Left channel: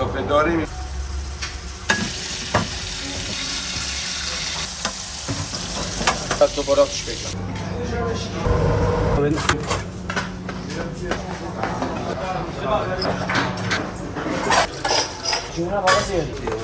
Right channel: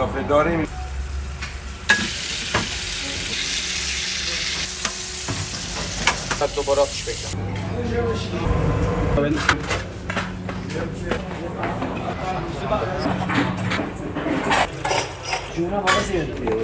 اضافه داریم. دوباره آتش بگیرم. جونا بابا زیاد.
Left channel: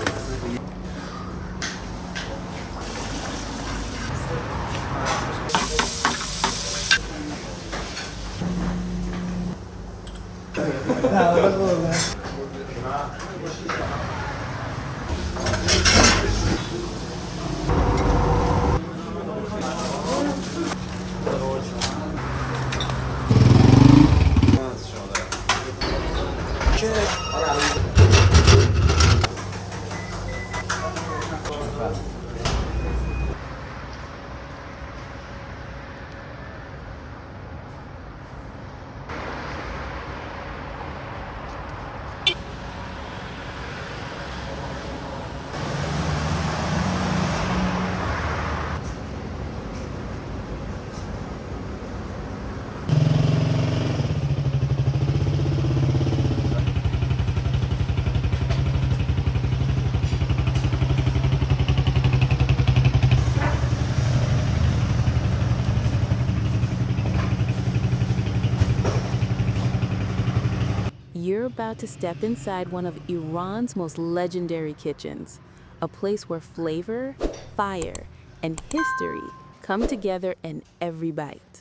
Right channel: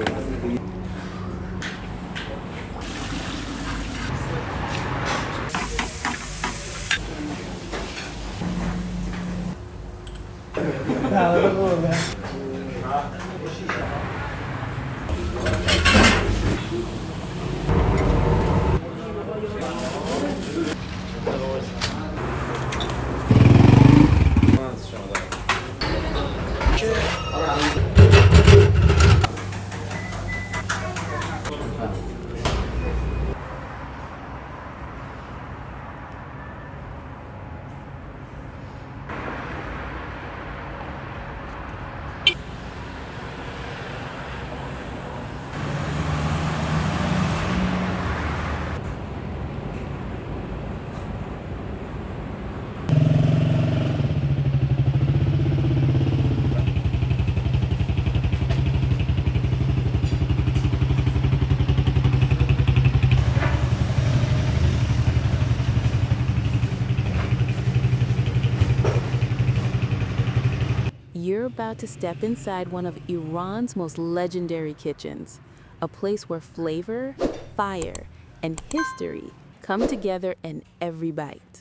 You're about to step inside one of Iran's most legendary kitchens, a place where flavor, fire, and history come together in every bite.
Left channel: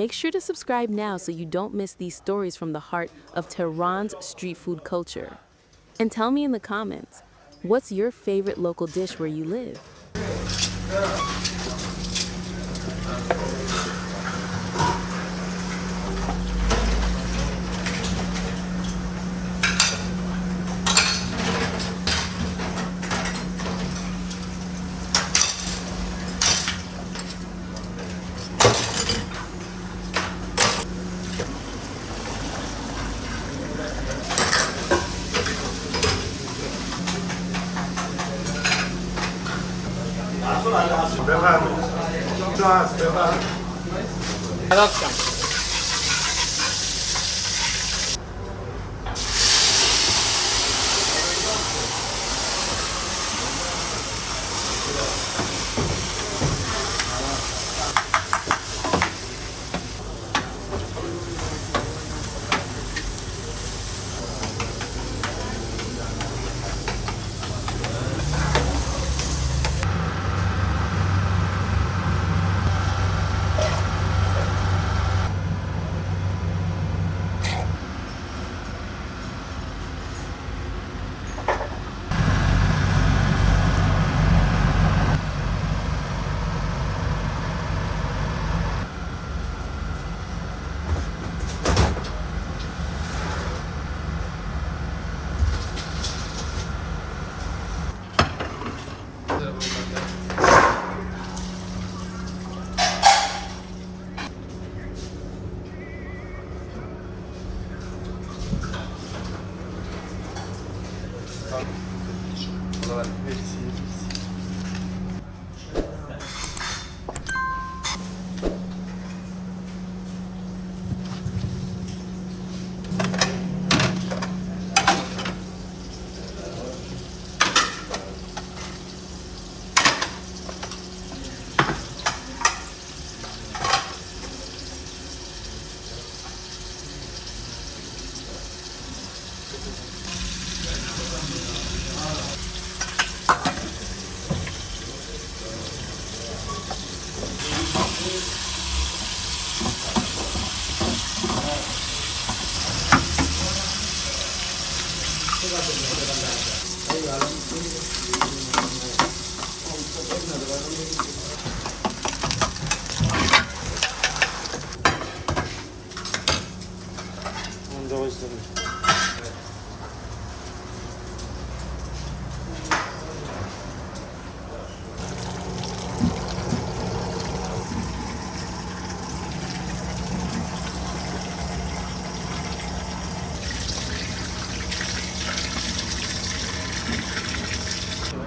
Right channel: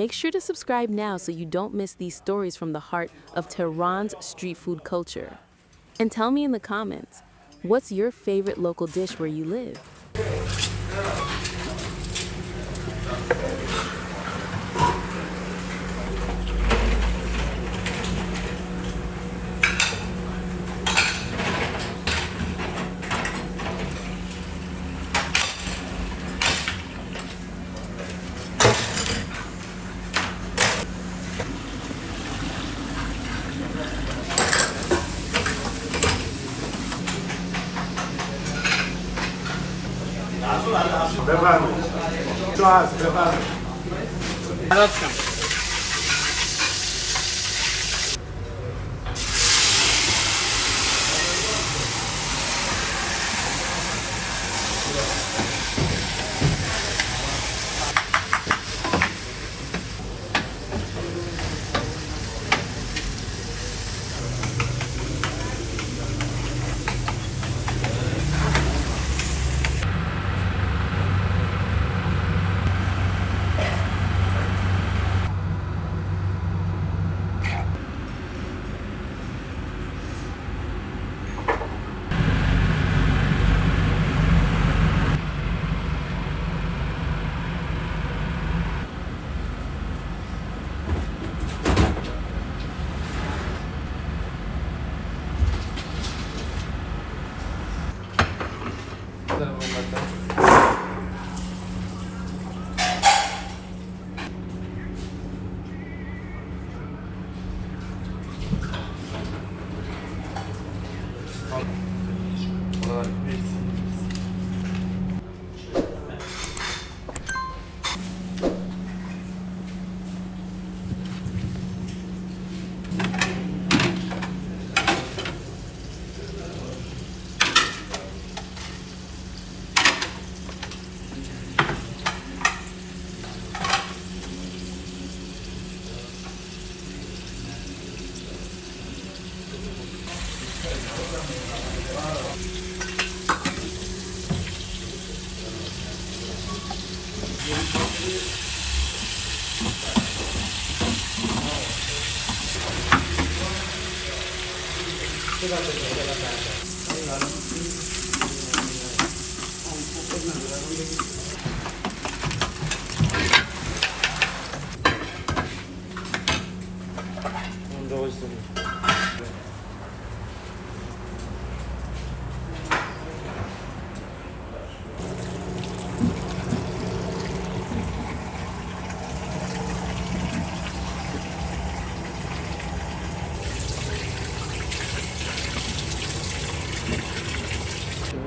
Make sure to subscribe now so you don't miss these stories from the heart of Tehran's street food culture. And tell me in the comments, what's your favorite local dish where you live?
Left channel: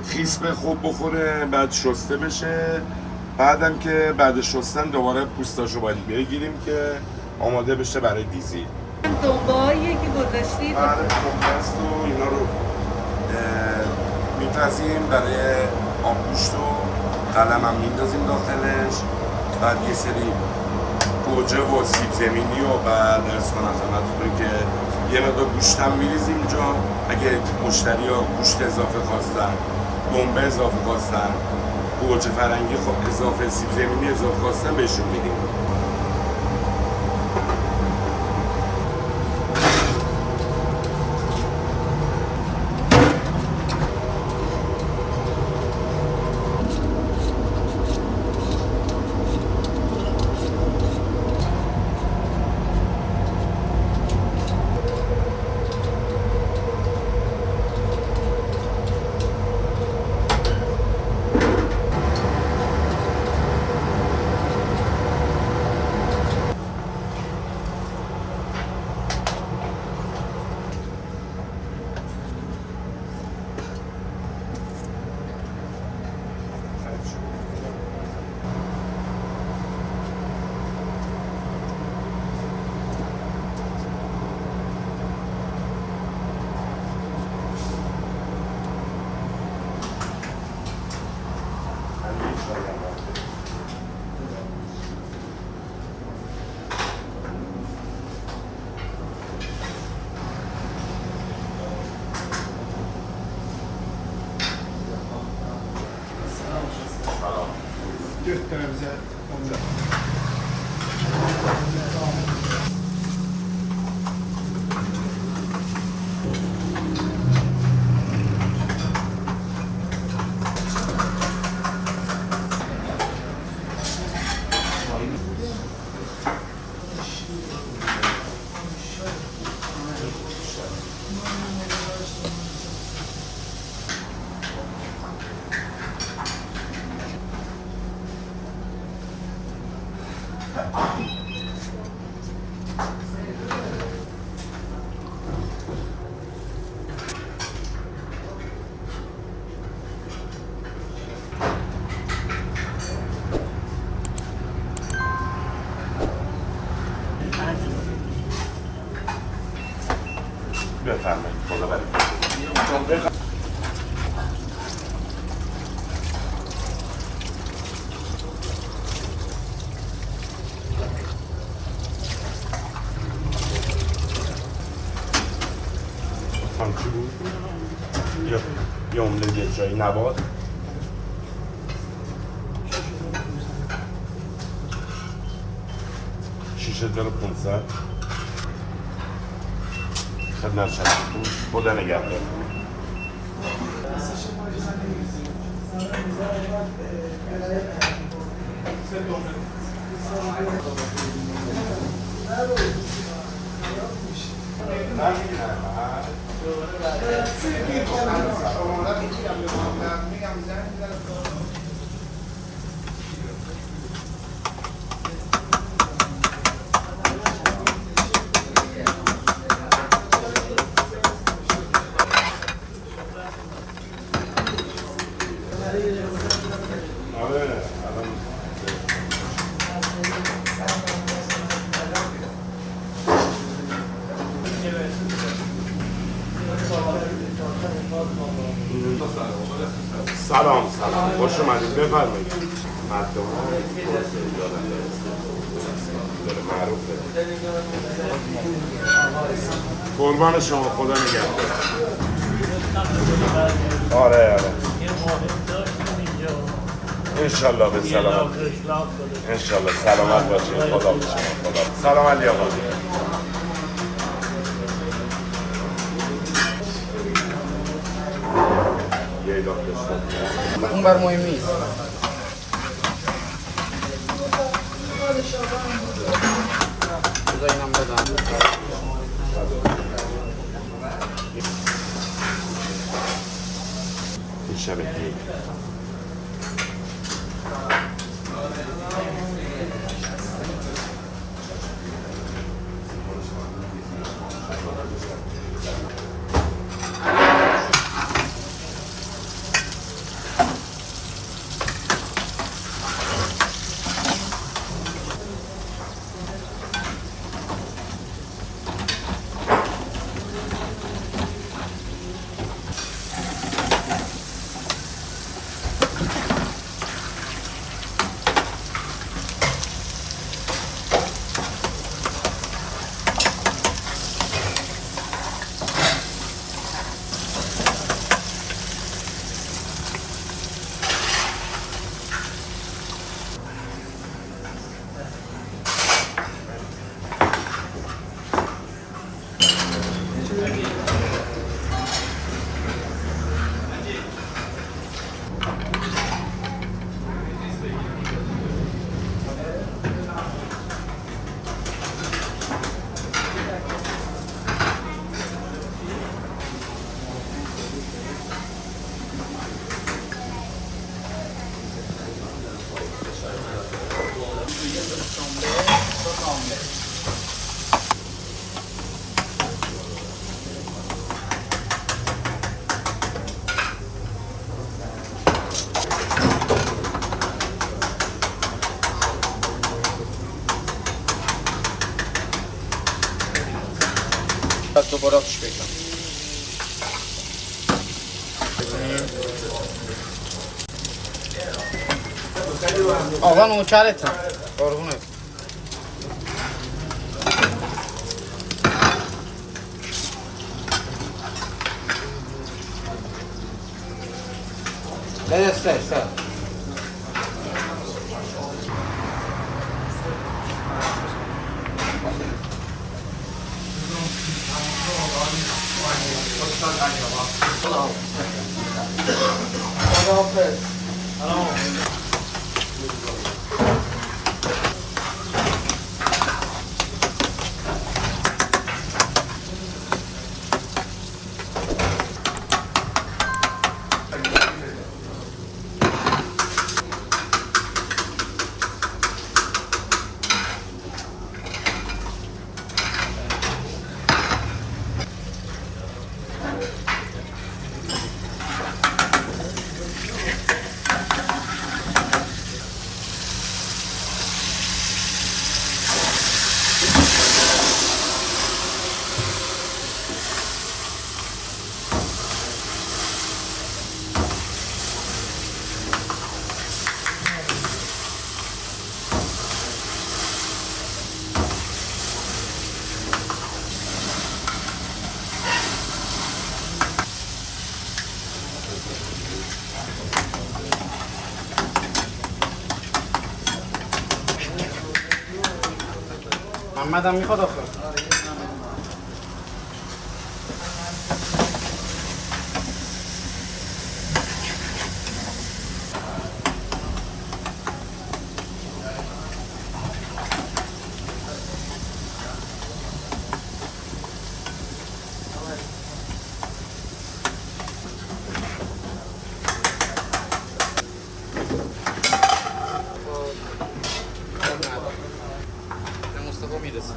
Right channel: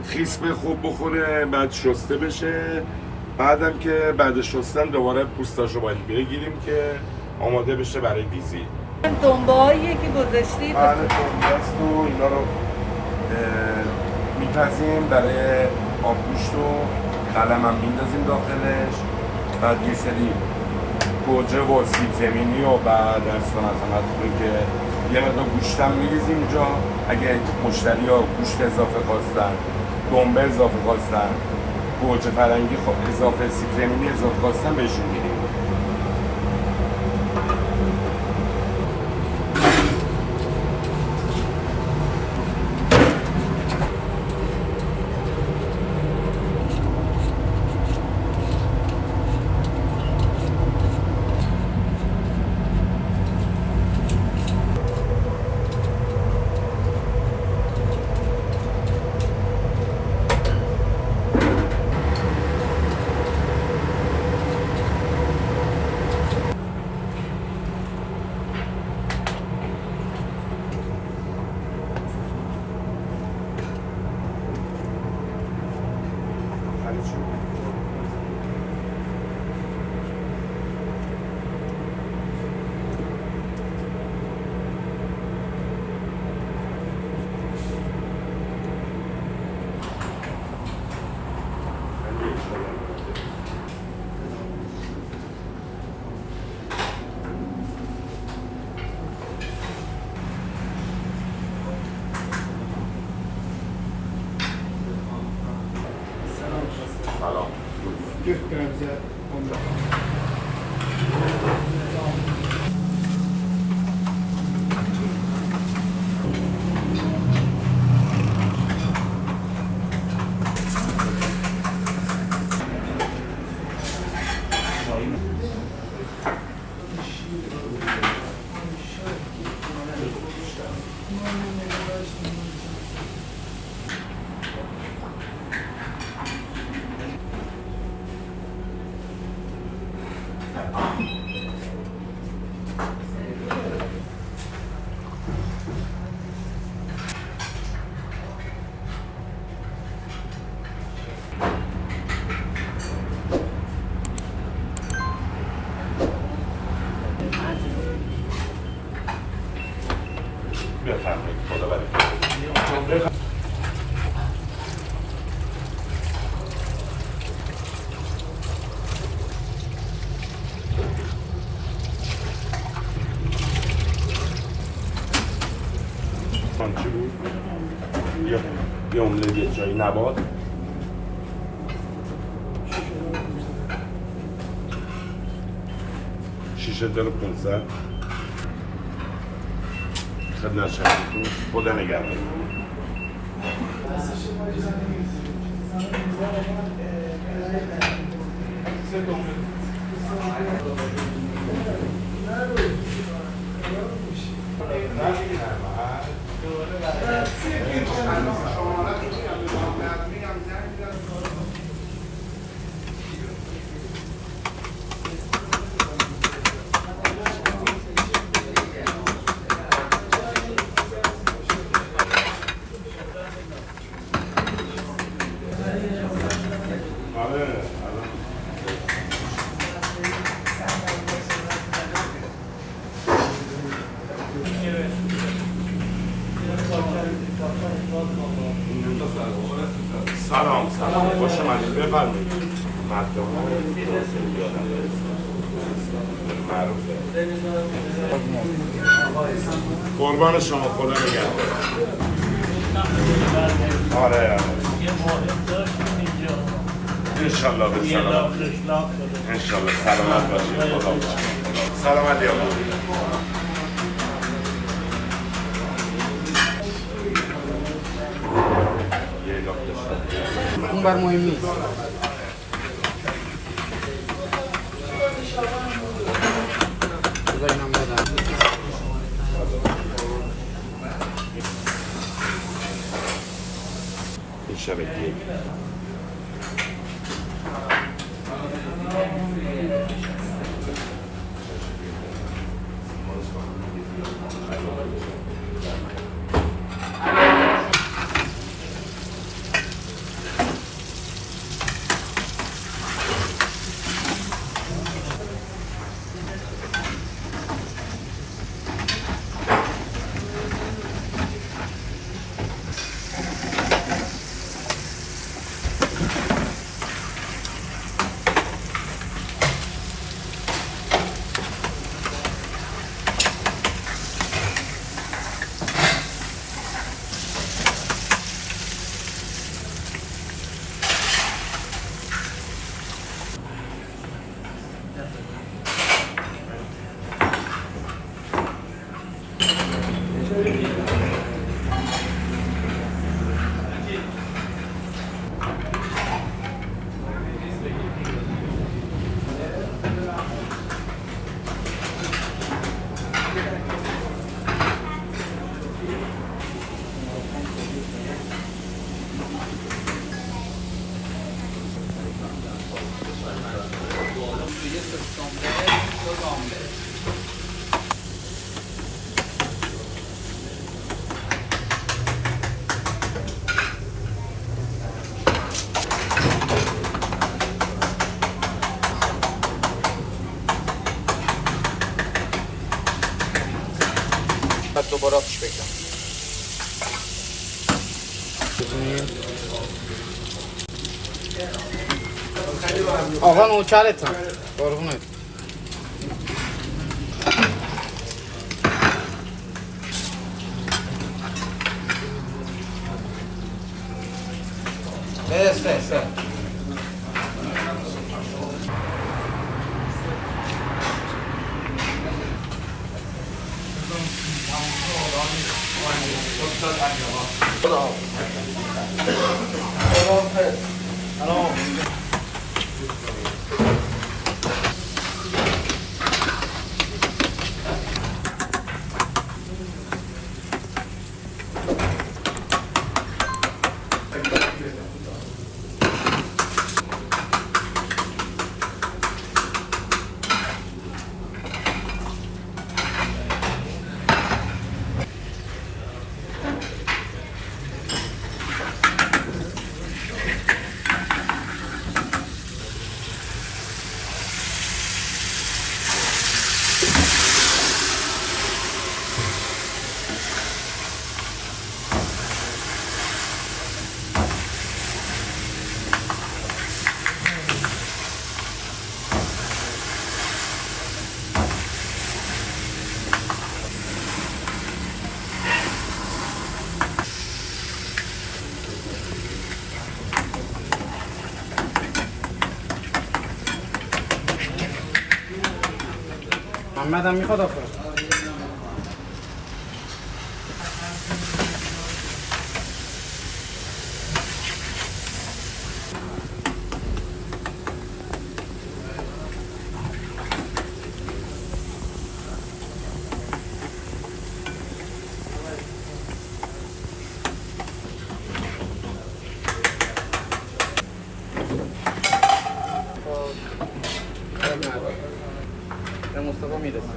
خیسمه خوب بخوره، بعد شسته بشه. بعدم که بعد شستن دوباره پوستاشو باید بگیریم که آماده بشه برای دیزی. دنبه‌هایی که گذاشتید بله دنبست و اینا رو میپزیم برای آبگوشت و قلم هم میندازیم داخلش. بعد یه سری گوجه و سیب زمینی و بعد ارز کنم خدمتتون که یه مقدار گوشت هم میریزیم اینجا. اگه مشتری ها گوشت اضافه خواستن، دنبه اضافه خواستن، گوجه فرنگی اضافه، سیب زمینی اضافه خواستن بهشون میدیم. چی بود؟ یه املت جایی نبات. شیشه داره 500 خدمت شما خدا نگهدار. سلام خوش اومدید بفرمایید. قربان شما خدا نگهدار. آره انشالله به سلامت. انشالله سلامت باشید. خدا سلامت یا اون بر مهم نیست. این شبکیه دوباره آتش بگیرم. آقا نوکرتم قربونت. است. محمد هم میخواد آخه. مصطفی میرسه.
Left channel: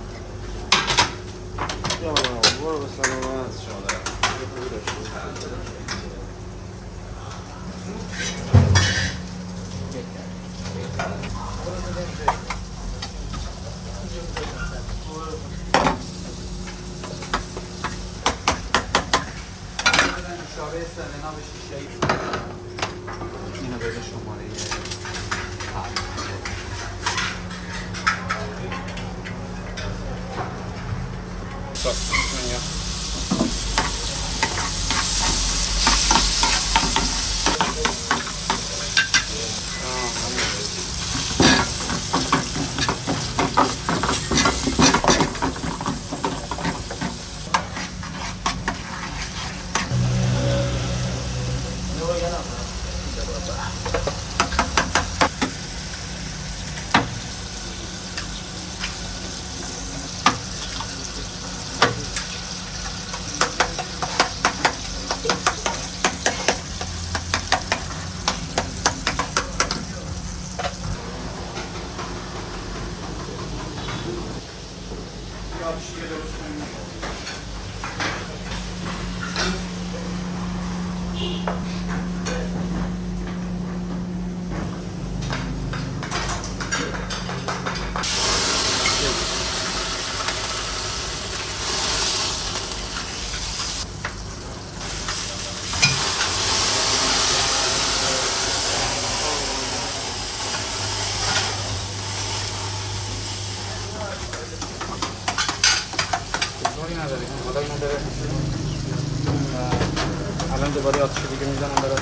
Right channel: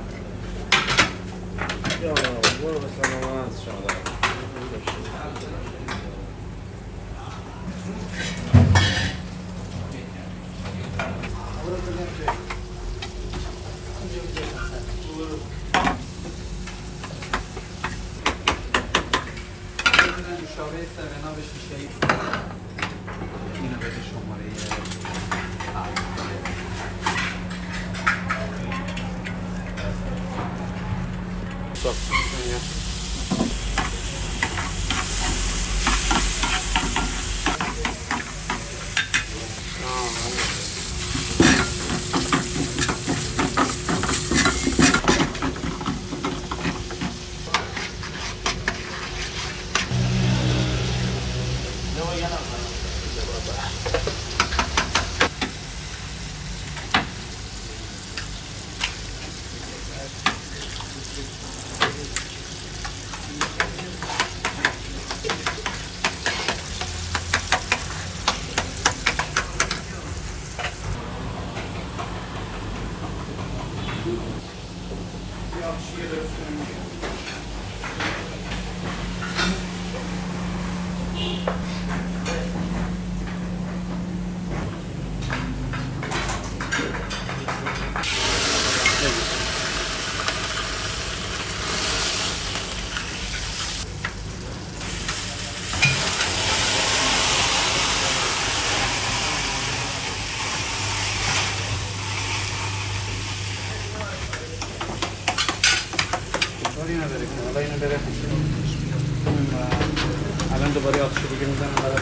الان دوباره آتش دیگه میزنم برات.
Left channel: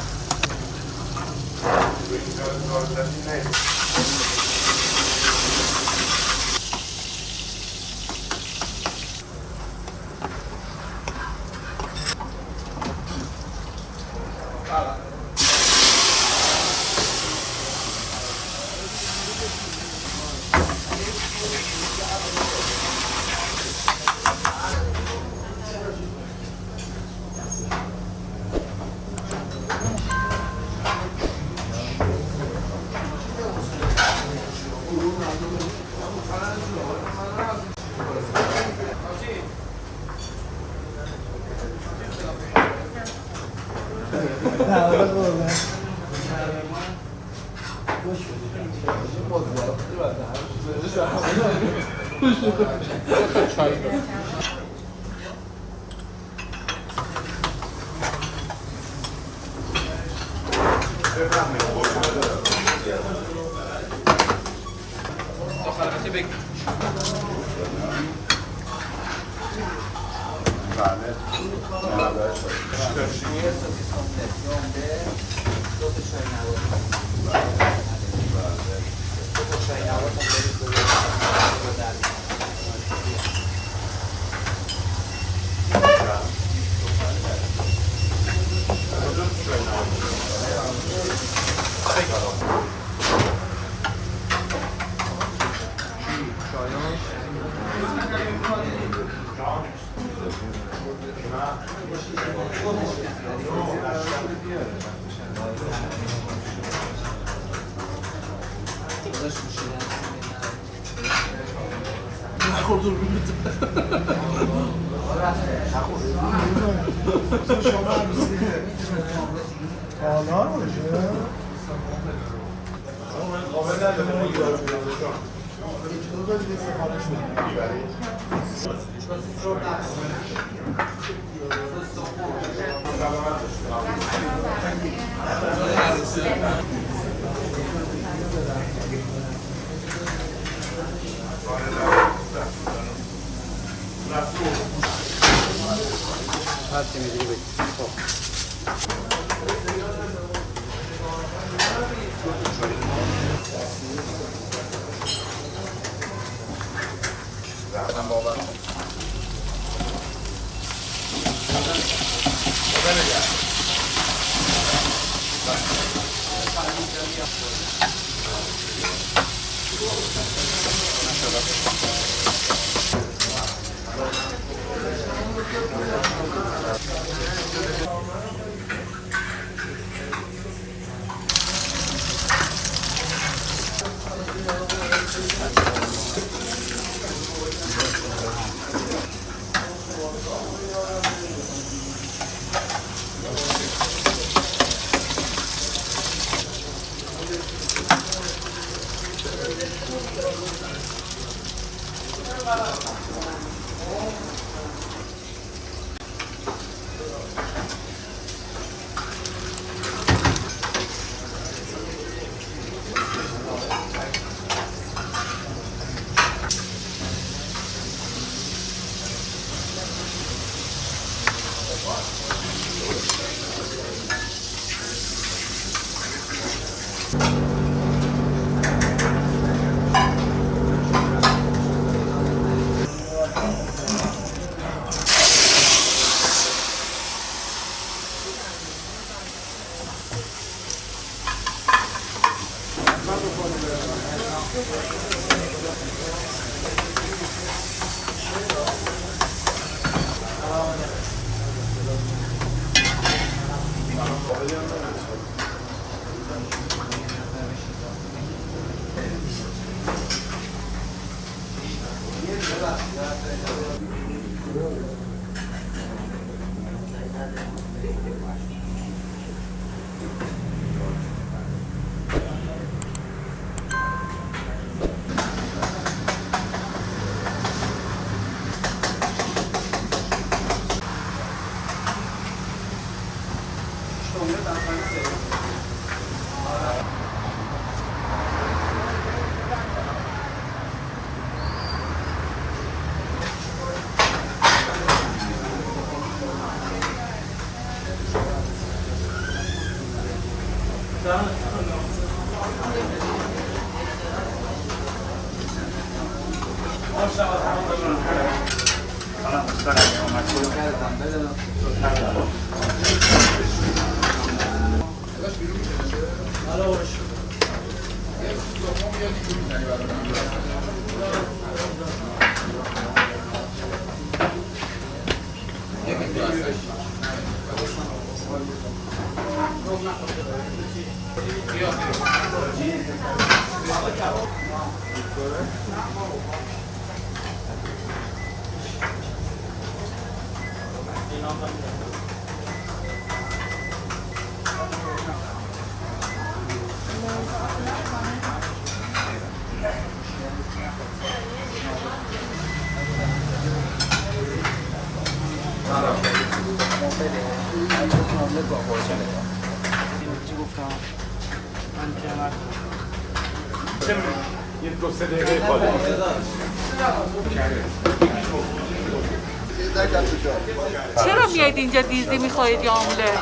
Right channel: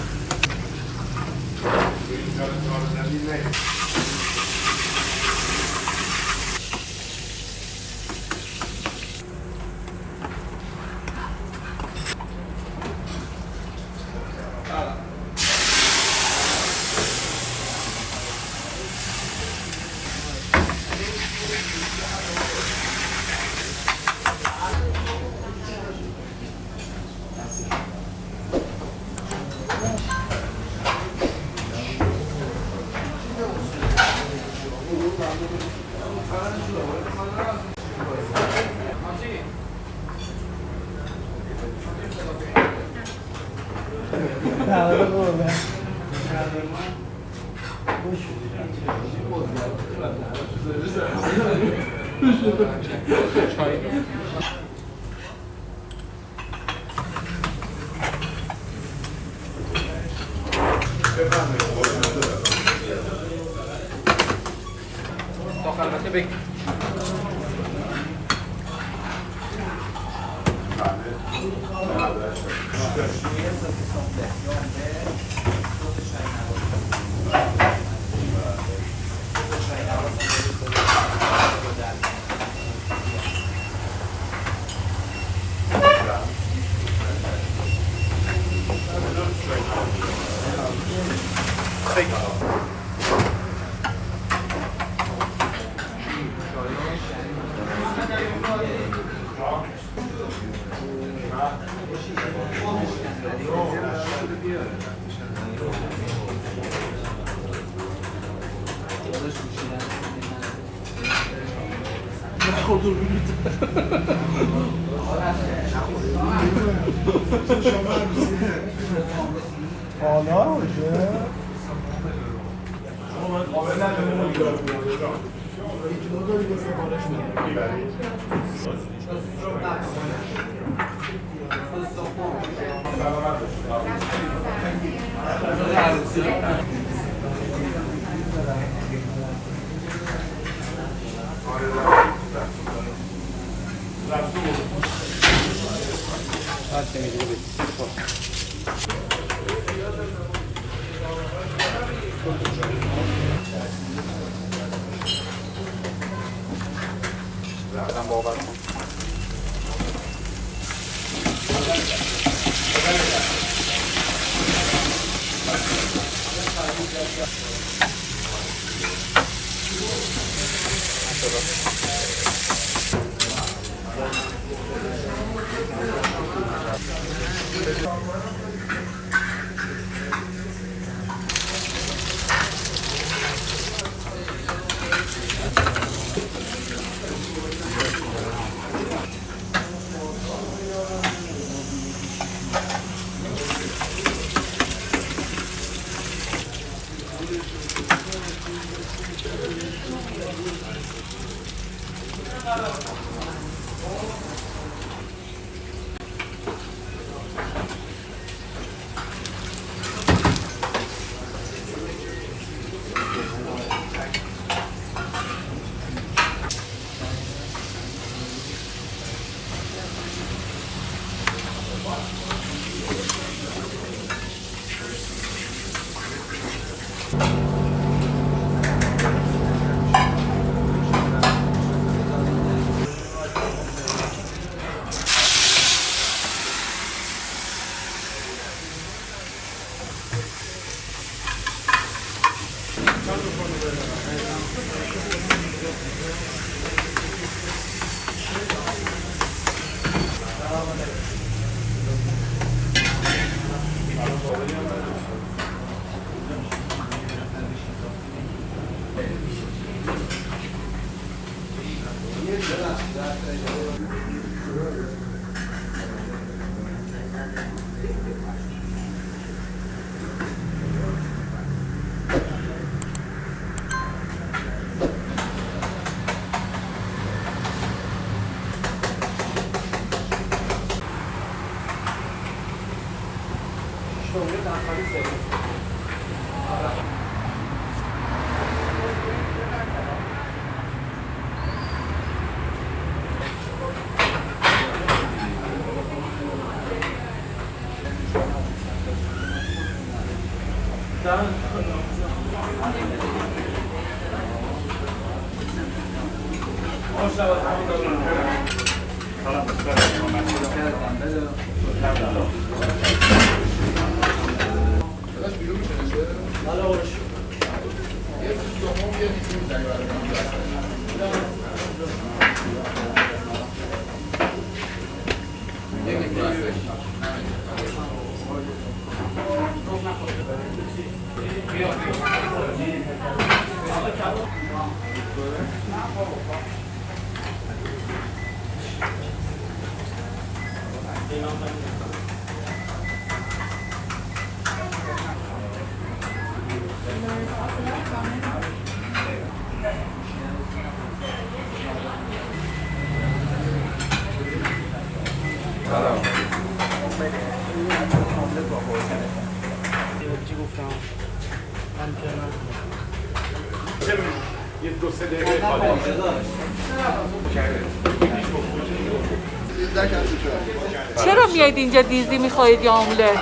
چرا میایید اینجا دیزی میخواید یا املت؟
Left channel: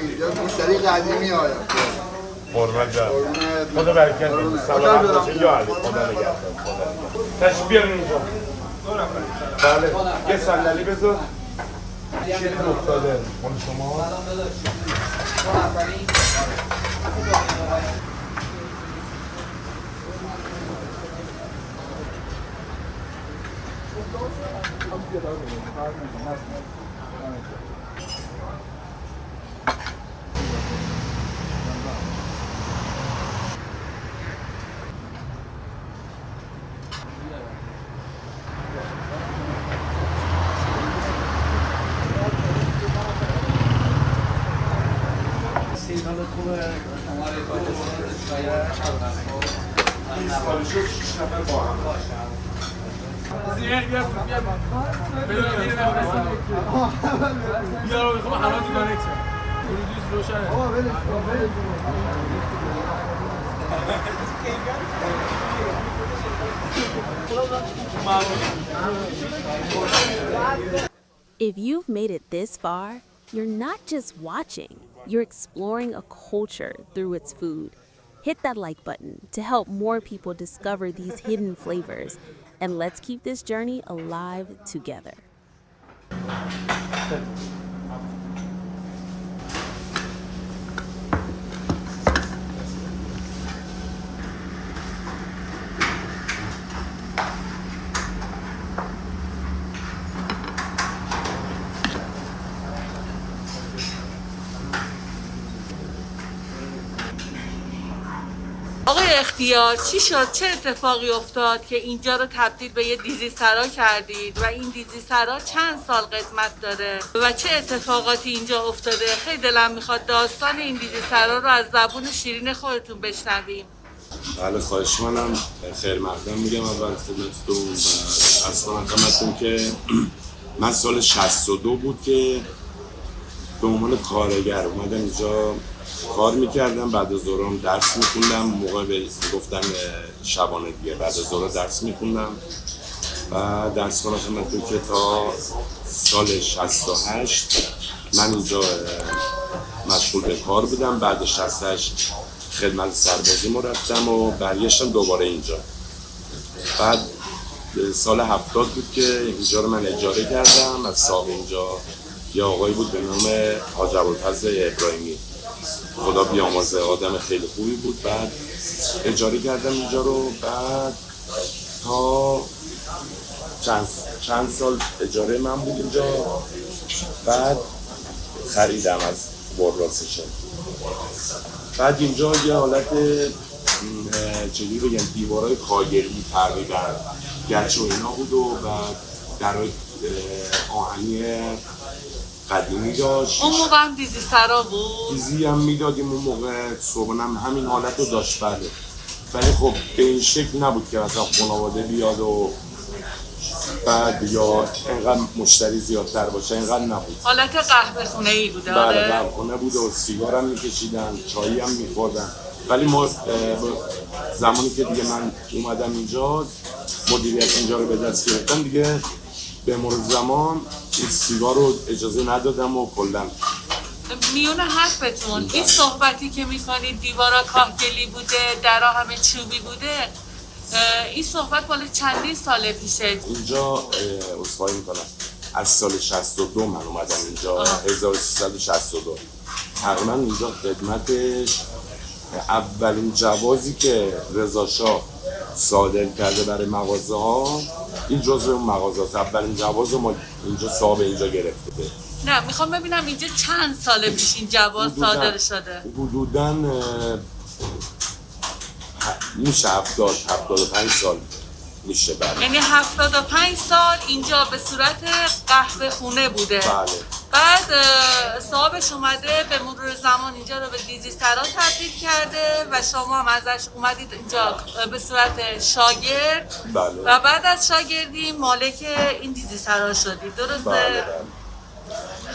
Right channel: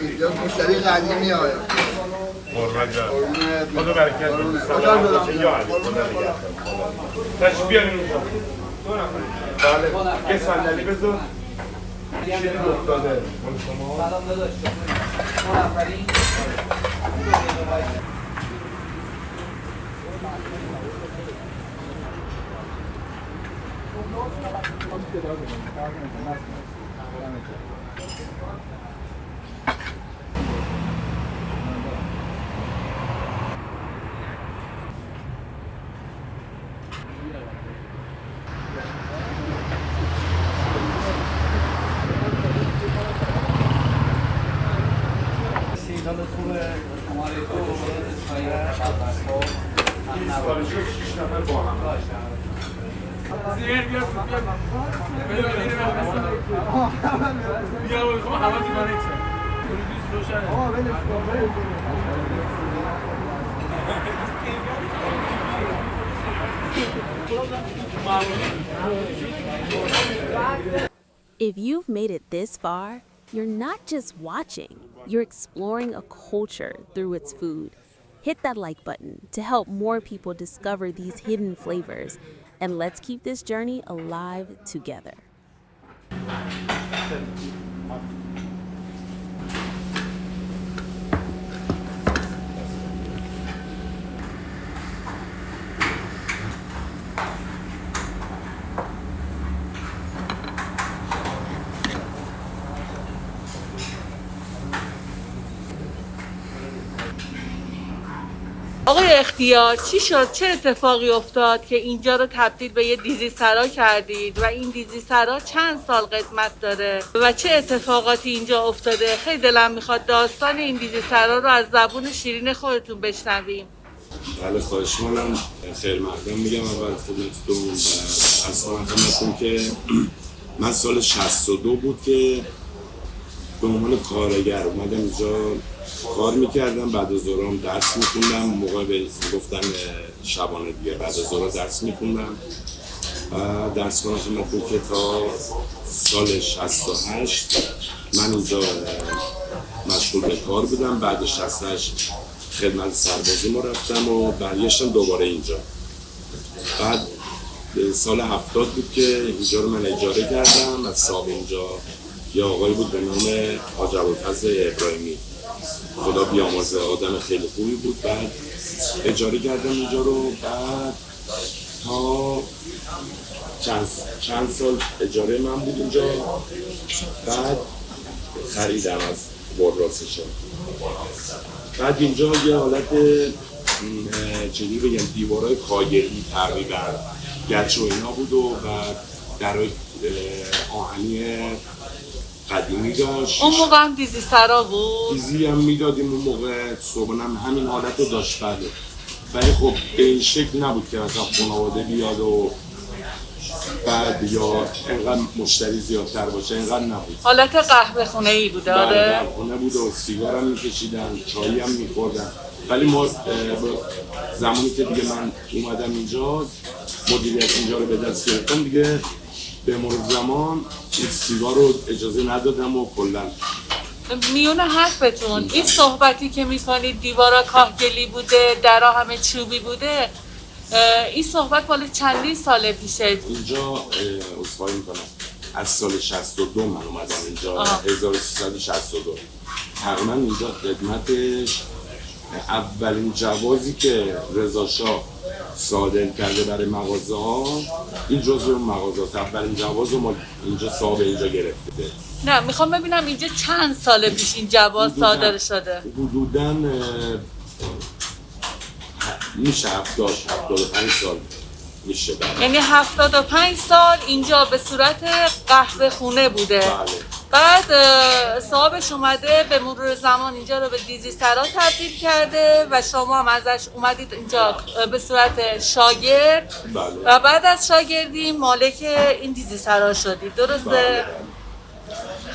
اینجا مشتری قدیمی آیا خدا برکت بده. سلام باشه یا علی. خدا نگهدار. تشریف بیارین اونجا. بله. یه صندلی بذار. چیزی افتاده. مال شما. If you've made it this far, you're not just watching, you're exploring a culture through its food. Hit that like button to help more people discover these hidden flavors, and let's keep this journey alive together. آقای اختیار چی شد؟ چه اتفاقی افتاد که اینجا رو تبدیل به یه دیزی سرا کردید و این دیزی سرا چند سال قدمت داره و چه اتفاقاتی اینجا افتاده؟ خیلی دلم میخواد داستان این دیزی سرا رو از زبون شیرین خودتون بشنویم. بله خواهش منم خیر مقدم میگم اول خدمتتون از خدمتتون که من سال 62 بود که به عنوان کارگر اومدم اینجا کار میکردم، بعد از ظهرام درس میخوندم، موقع به گفتن شبانه دیگه بعد از ظهر درس میخوندم و درس کنم خدمتتون که تا سال 68 من اینجا مشغول به کار بودم. بعد 68 خدمت سربازی ما رفتم و برگشتم دوباره اینجا. بعد سال 70 بود که اینجا رو من اجاره کردم از صاحب اینجا، یه آقایی بود به نام حاج ابوالفضل ابراهیمی، خدا بیامرزه، آدم خیلی خوبی بود. بعد اجاره کردم اینجا رو، بعد تا چند سال اجاره من بود اینجا، بعد خریدم از برراسشون. بعد اینجا یه حالت چجوری بگم دیوارای کاگلی تقریبا گچ و اینا بود و بعد درای آهنی قدیمی داشت. اون موقع هم دیزی سرا بود؟ دیزی هم میدادیم اون موقع، صبحانه هم همین حالت رو داشت. بله ولی خب به این شکل نبود که مثلا خانواده بیاد و بعد یا انقدر مشتری زیادتر باشه، انقدر نبود. حالت قهوه خونه ای بود. بله قهوه خونه بود و سیگار هم میکشیدن، چایی هم میخوردن. ولی ما زمانی که دیگه من اومدم اینجا مدیریت اینجا رو به دست گرفتم دیگه، به مرور زمان این سیگار رو اجازه ندادم و کلا میونه حرفتون این صحبتی که میکنید دیوارا کاهگلی بوده، درا همه چوبی بوده، این صحبت مال چندین سال پیشه؟ اینجا عذرخواهی میکنم از سال 62 من اومدم اینجا. 1362 تقریبا اینجا خدمتش اولین جوازی که رضا شاه صادر کرده برای مغازه ها، این جزء اون مغازه هست. اولین جواز رو ما اینجا صاحب اینجا گرفته. نه میخوام ببینم اینجا چند سال پیش این جواز صادر شده؟ حدوداً میشه 75 سال میشه. بله. یعنی 75 سال اینجا به صورت قهوه خونه بوده. بله. بعد صاحبش اومده به مرور زمان اینجا رو به دیزی سرا تبدیل کرده و شما هم ازش اومدید اینجا به صورت شاگرد. بله. و بعد از شاگردی مالک این دیزی سرا شدید، درسته؟ بله.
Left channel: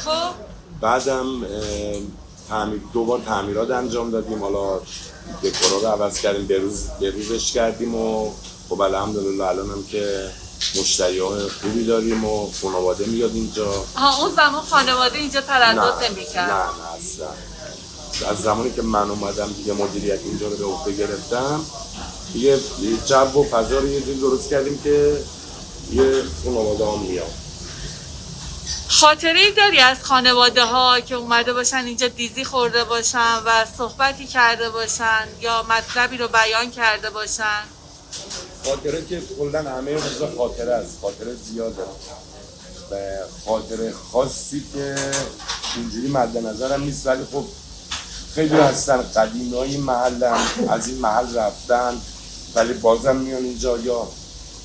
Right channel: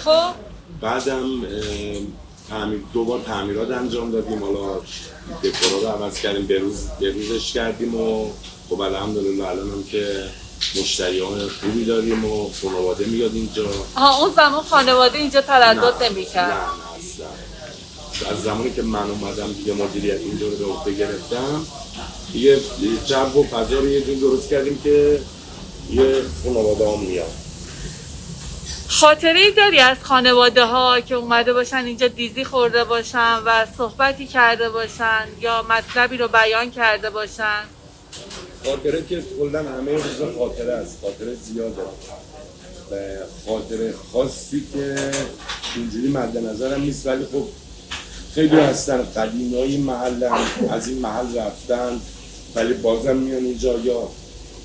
خب بعدم دو بار تعمیرات انجام دادیم، حالا دکورا رو عوض کردیم، بروزش کردیم و خب الحمدلله الان هم که مشتریان خوبی داریم و خانواده میاد اینجا. اون زمان خانواده اینجا تردد نمی‌کرد؟ نه اصلا. از زمانی که من اومدم دیگه مدیریت اینجا رو به عهده گرفتم دیگه جو و فضا رو یه جور درست کردیم که یه خانواده هم میاد. خاطره‌ای داری از خانواده ها که اومده باشن اینجا دیزی خورده باشن و صحبتی کرده باشن یا مطلبی رو بیان کرده باشن؟ خاطره که کلاً همه روزا خاطره است، خاطره زیاده و خاطره خاصی که اینجوری مد نظرم نیست، ولی خب خیلی هستن قدیمای محلن، از این محل رفتن ولی بازم میان اینجا، یا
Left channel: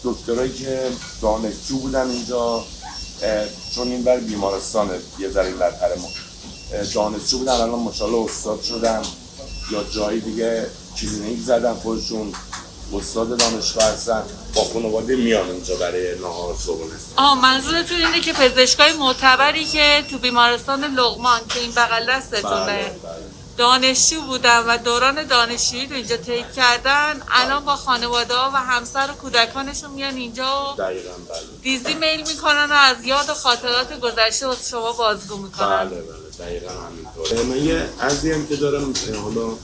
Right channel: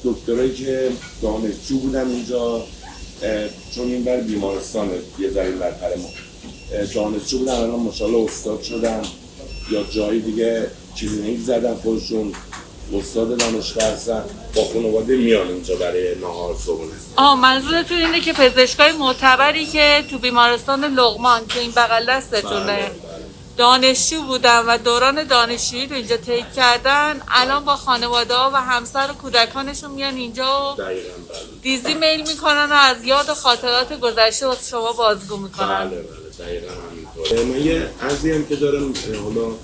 دکترایی که دانشجو بودن اینجا چون این بر بیمارستانه یه ذره برتر ما دانشجو بودن الان ماشاءالله استاد شدن، یا جایی دیگه کلینیک زدن خودشون استاد دانشگاه هستن، با خانواده میان اینجا برای نهار صبحونه. منظورتون اینه که پزشکای معتبری که تو بیمارستان لقمان که این بغل دستتونه دانشجو بودن و دوران دانشجویی رو اینجا طی کردن، الان با خانواده ها و همسر و کودکانشون میان اینجا و دیزی میل میکنن و از یاد و خاطرات گذشته واسه شما بازگو میکنن. بله دقیقا همینطوره. من یه عرضی هم که دارم حالا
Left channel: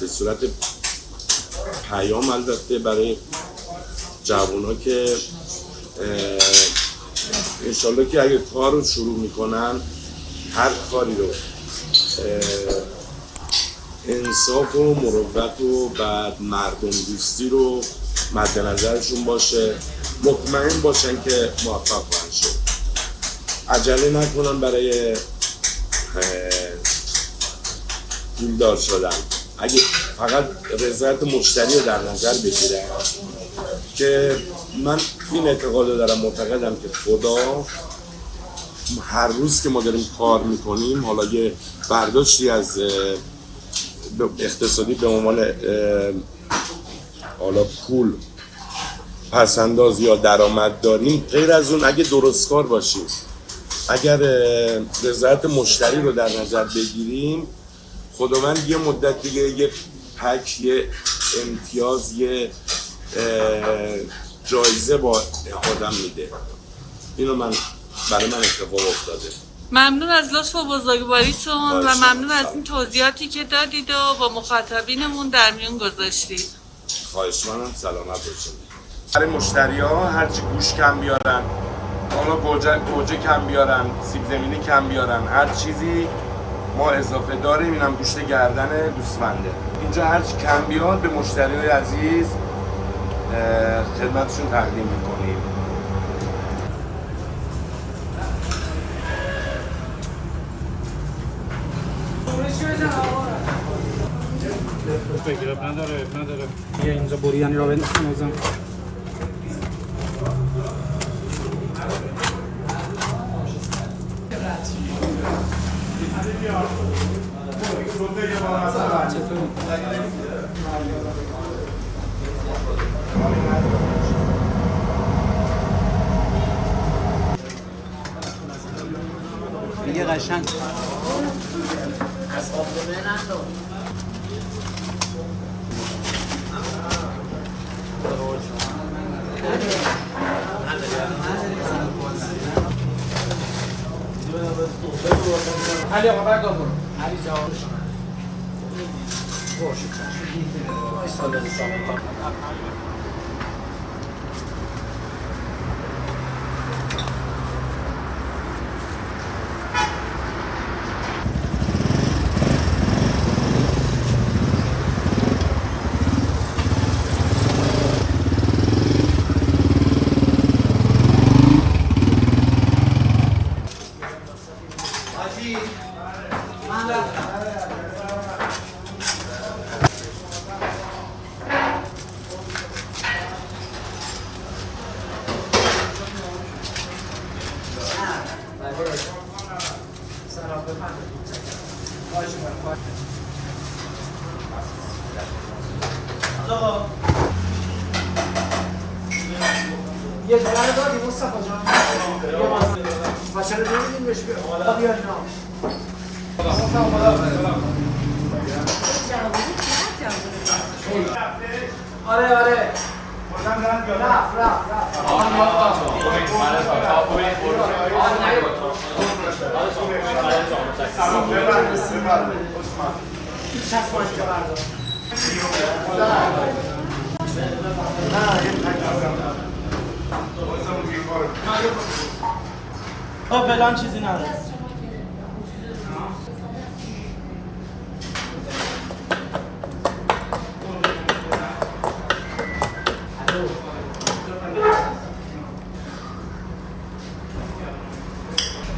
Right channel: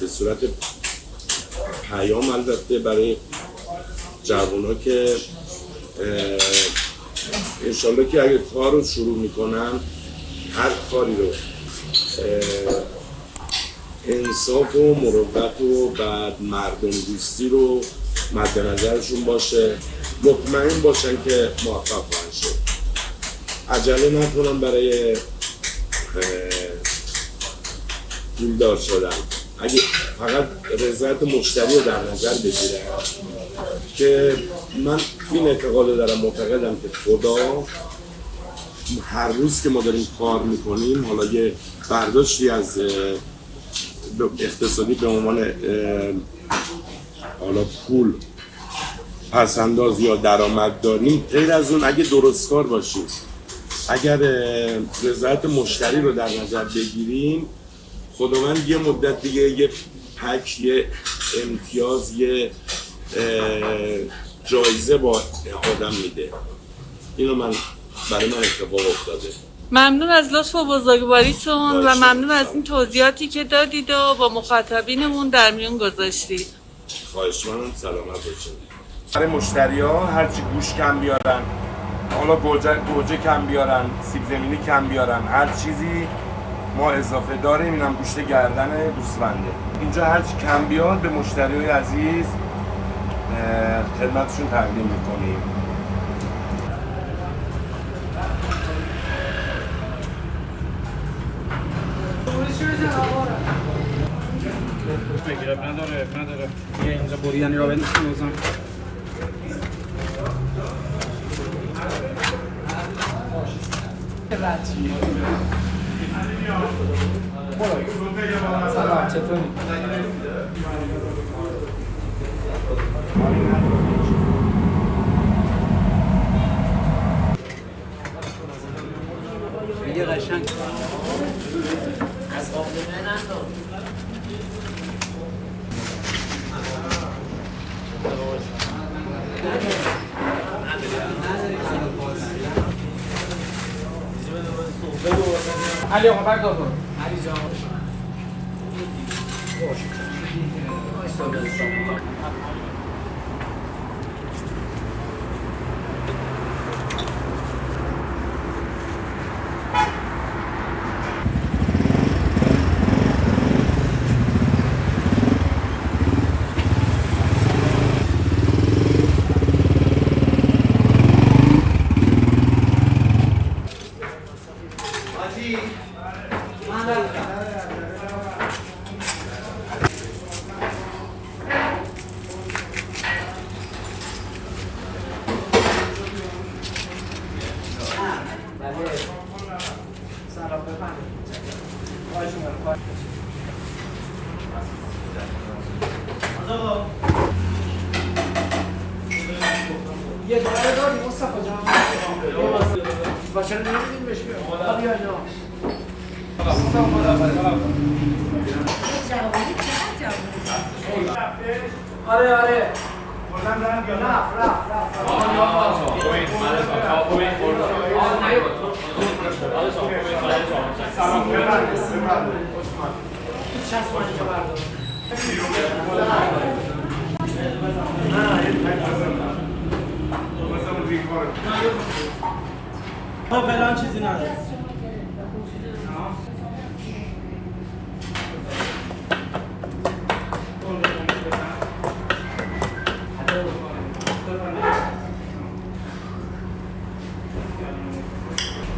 به صورت پیام البته برای جوونا که انشالله که اگه کار رو شروع میکنن هر کاری رو انصاف و مروت و بعد مردم دوستی رو مد نظرشون باشه، مطمئن باشن که موفق خواهند شد، عجله نکنن برای پولدار شدن. اگه فقط رضایت مشتری رو در نظر بگیرن، که من این اعتقاد دارم، معتقدم که خدا هر روز که ما داریم کار میکنیم، حالا یه برداشتی از اقتصادی به عنوان حالا پول پسنداز یا درآمد داریم، غیر از اون اگه درست کار باشیم، اگر رضایت مشتری رو در نظر بگیریم، خداوند یه مدت دیگه یه پک، یه امتیاز، یه جایزه با آدم میده. اینو برای من اتفاق افتاده. ممنون از لطف و بزرگواریتون و ممنون از این توضیحاتی که دادید و با مخاطبینمون در میون گذاشتید. خواهش منم، سلامت باشید. برای مشتری ها هرچی گوش کم بیارن، حالا گوجه کم بیارن، سیب زمینی کم بیارن، هر چیزی ما اضافه داریم. اینم گوشت گردن گوسفنده. اینجا هرچی کم بیاد به مشتری های عزیز خدمتشون تقدیم میکنیم. نداره یه اینجا بریانی را بنشون ازم. دیگه قشنگ علی آقا بردار کن. علی جوابش آقا یه دلار دادی مصطفی جان و چرا نمیدین بهش بیا بیا اینا آره آره فلان چیزی نداره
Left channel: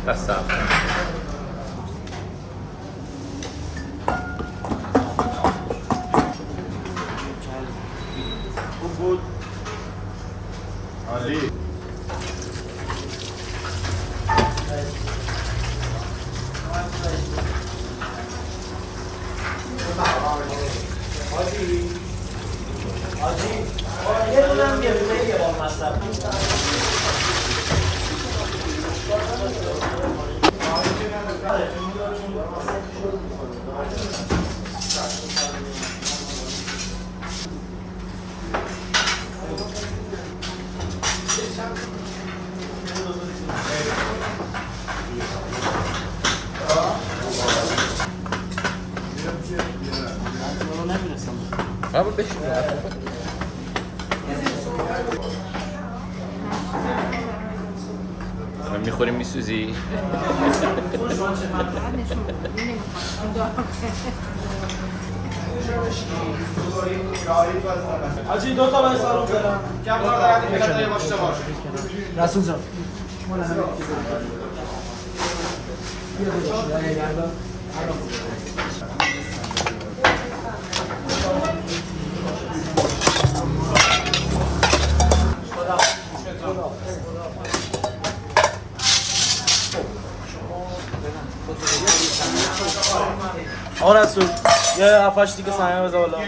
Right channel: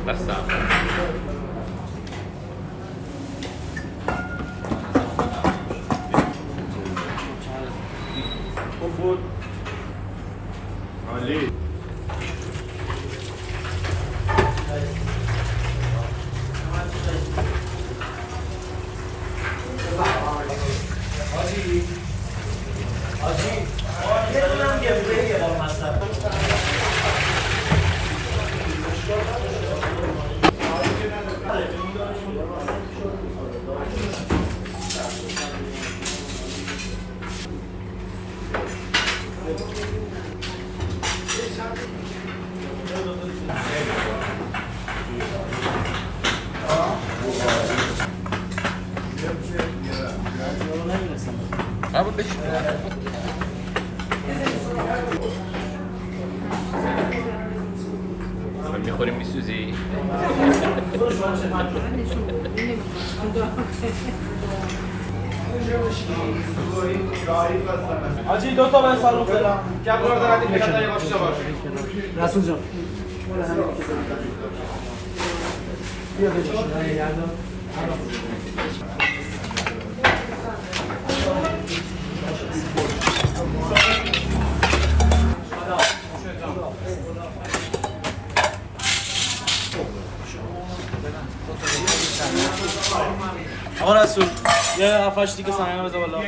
Basta. عالی. Abi beşik. میخوریم میسوزی. آجی دو تا باید سالو برم کم کنه دارد این بیاد یواش باش رسول جان مونه همین بیا دو داشت یه گردم آقا رسول یه هفتش دیگه سنگه بزا بالا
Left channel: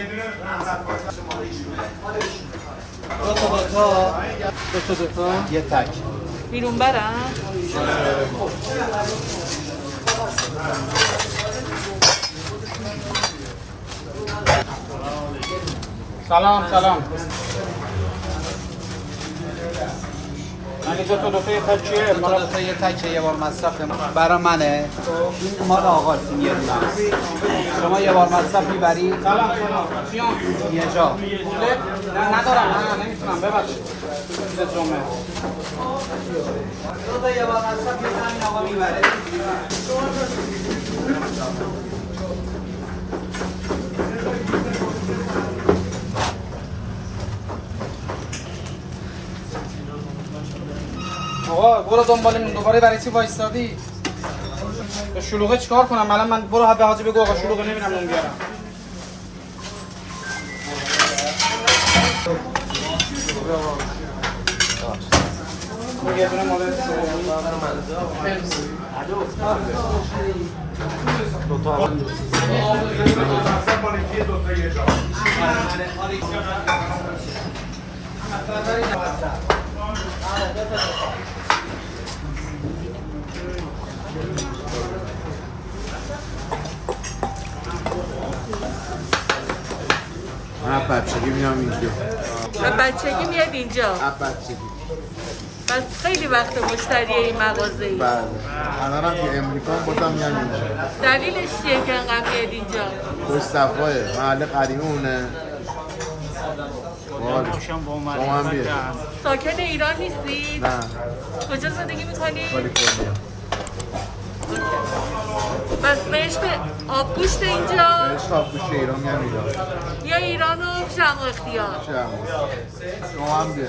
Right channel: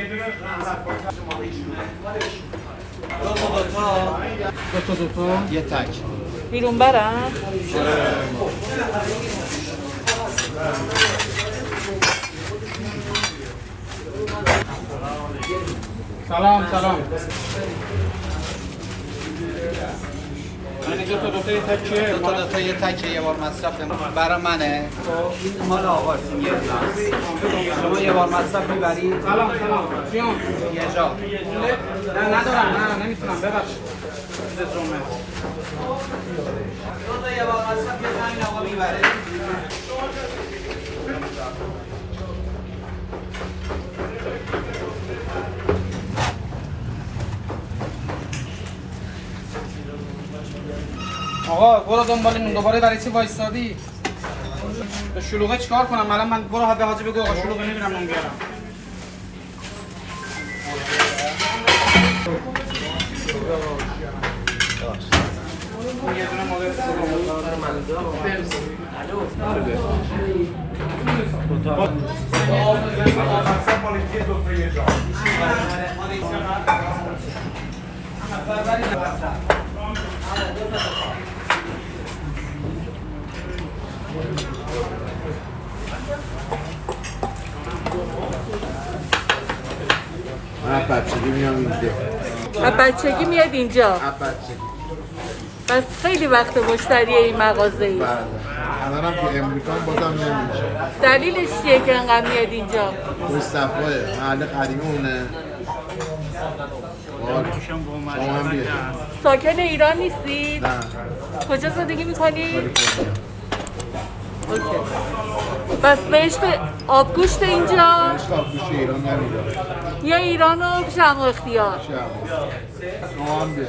دو تا یه تک بیرون برم سلام سلام من دو تا یه تکیه دو تا یه تکه یه بار مصرف برای منه ما آقا شما یه بار مصرف میبری سلام سیون یه جا نه ندارم نه نمیتونم ببخشید چیزت رومه دو تا یه بار مصرف یه جا این آقا میبره آقا برو دنبال نون دوباره برای چی وایستادی؟ به شلوغه چیکار کنم؟ الان من برو به حاجی بگو آقا شلوغه نمیرم نون بیارم. یه دونه مال من بچگی میام اینجا. بچگی میاد اینجا بچگی. بس خیلی وقت مشتری این مغازه ای بله. الانم که امریکا بازم میام اینجا. دلیلش چیه که انقدر میاد اینجا؟ مصطفی محل قدیمی اونه. وای. شما هم بیه. ساکن ایران نیستی؟ نه. کجا زندگی میکنی؟ کالیفرنیا. بس به عشق آبگوشت اینجا عشق آبگوشت ایران میام اینجا. یا ایران و جمع اختیار؟ شما هم بیه.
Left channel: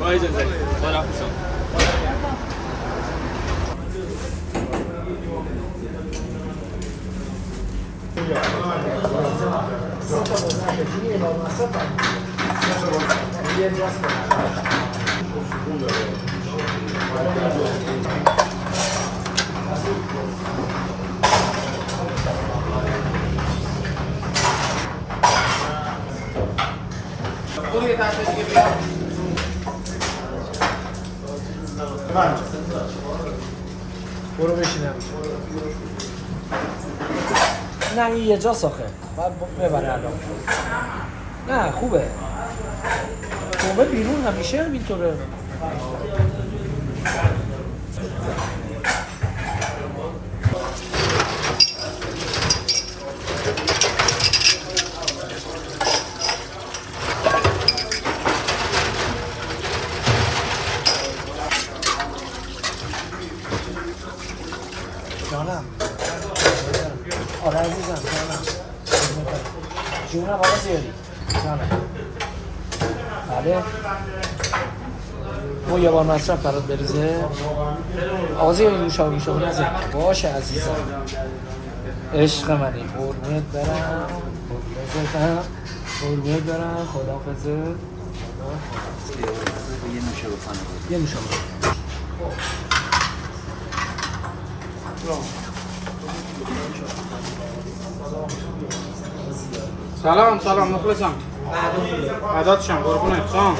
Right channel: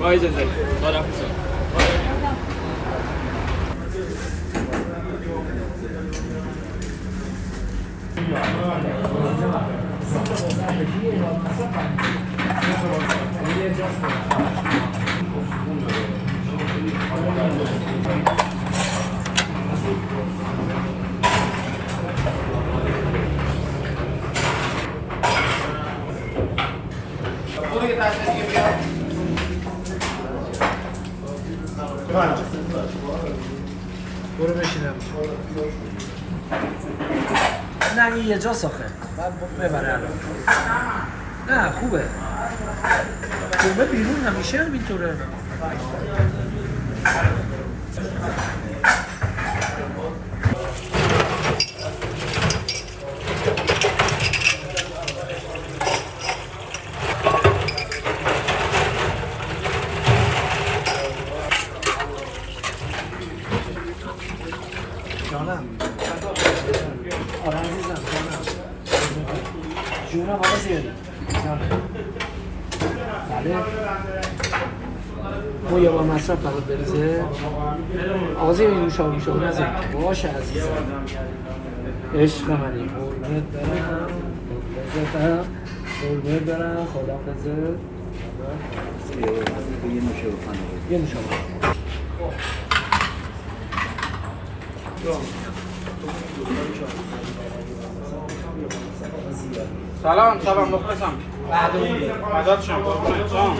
وای زنده بارم برو بشینم نه این یه جا ساخه باید ببره الان نه خوبه خوبه بیرون همیشه همینطوره جانم آره عزیزم جانم جونم آقا زیادی جانم بله او یه بار مصرف برات بریزه آقا زیادی نوشابه نزد باشه عزیزم عشق منی قربونت برم قربونت برم خداحافظت یه نوشابه سلام سلام مخلصم بعدات شم قربونت سلام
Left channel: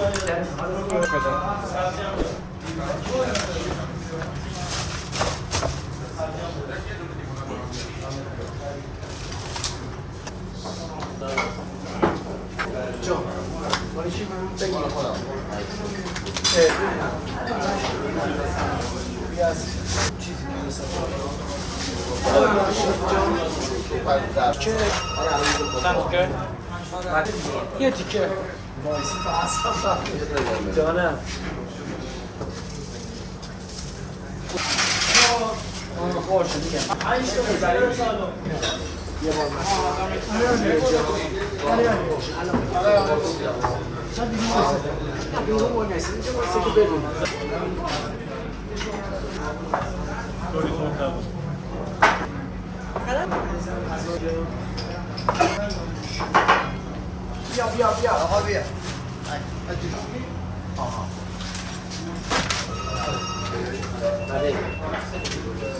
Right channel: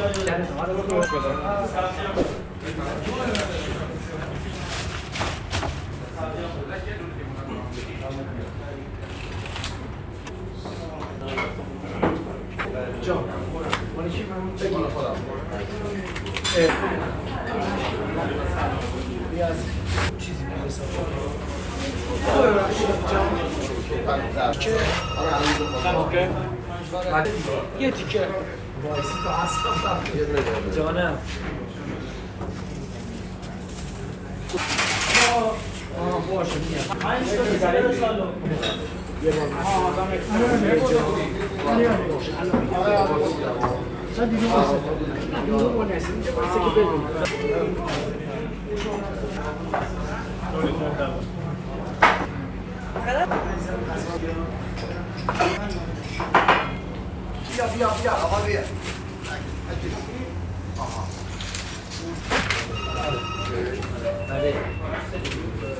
یه تیکه جانم باشه میگم یه بار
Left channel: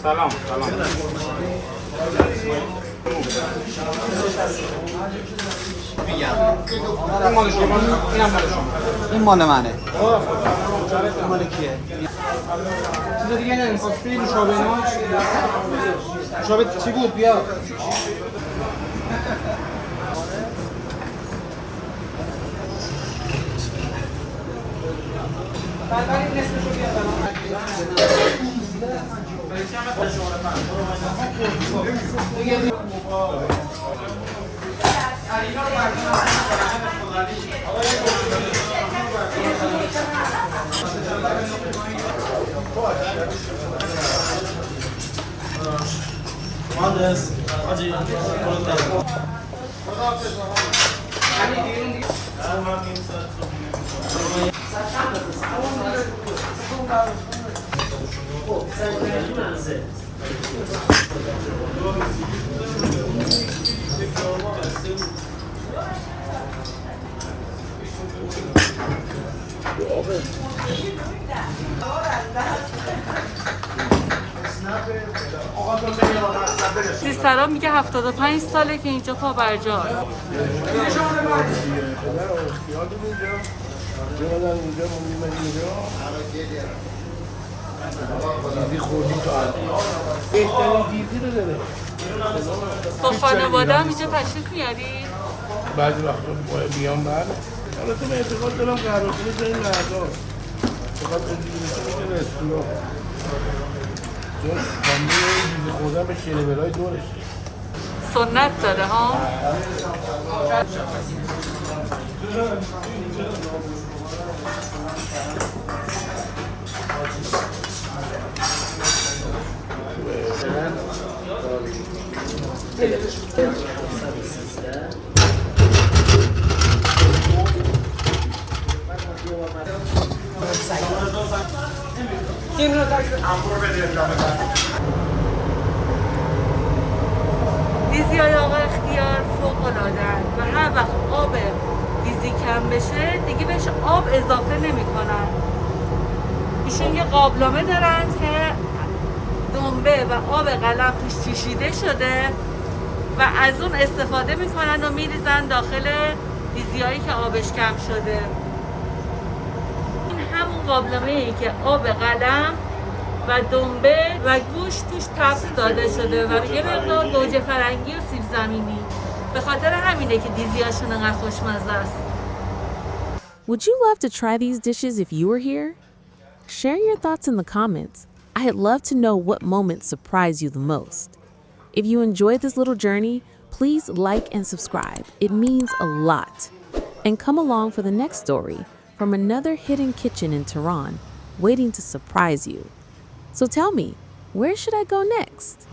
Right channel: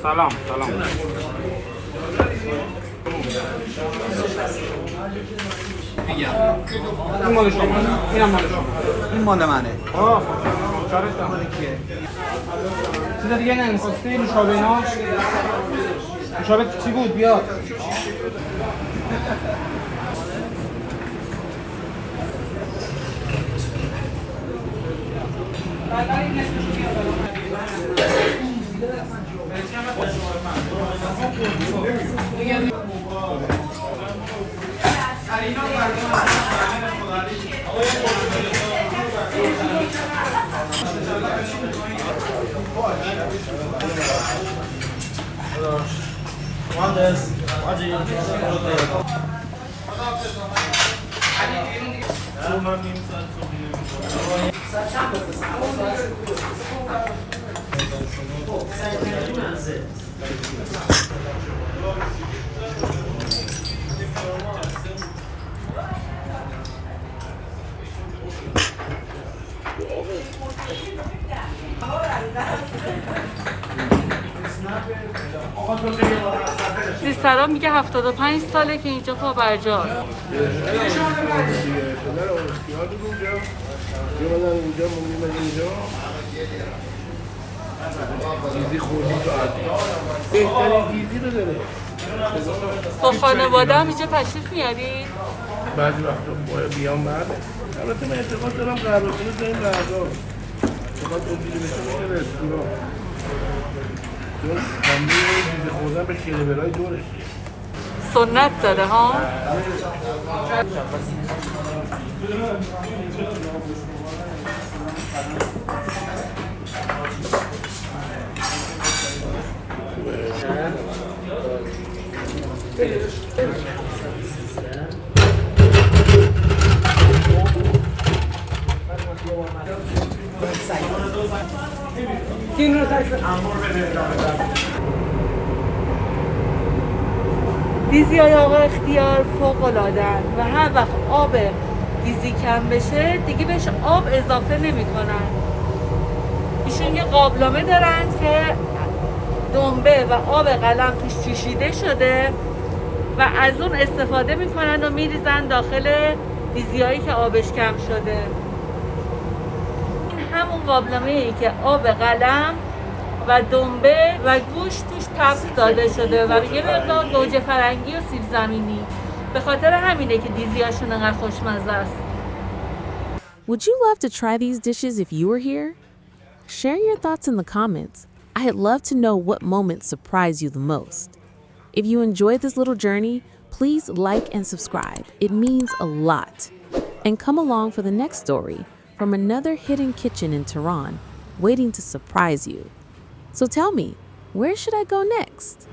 سلام سلام این مال شما اینم مال شما این مال منه مال کیه اینا دیگه نمی‌گفتی نوشابه اینا نوشابه چی بود بیا ولی نصفشو بیار برام. سیسترا میگه 75 ساله که اینجا پابرجاست. دیزی خوردی تو عرض بهترین دیزی رو داره. با خانواده هم اینجا تشریف میاری؟ بعضی وقتا باید بیام بله. البته من اعتقاد دارم قهوه خونه جای مردا فقط اون دیگه بشه میشه رستوران چون خانده دیزی خوردن به شیره‌ورای دورش سنت داره ها؟ دیزی های آقا اختیار فوق‌العاده‌اند و هر وقت آب دیزی کم بشه دیگه بهش آب اضافه نمی‌کنن. ایشون یه قابلمه دارن که دنبه و آب قلم توش جوشیده شده و از اون استفاده میکنن و میریزن داخل دیزیایی که آبش کم شده. این همون قابلمه ای که آب قلم و دنبه و گوشت توش تفت داده شده و یه مقدار گوجه فرنگی و سیب زمینی. به خاطر همینه که دیزیاشون انقدر خوشمزه است. Would you love to try these dishes if you were here? Share your thoughts in the comments. I'd love to know what moments surprise you the most. If you enjoyed this little journey, please like and subscribe. It means a lot. And come along for the next story from another hidden kitchen in Tehran, waiting to surprise you. So tell me, where should I go next?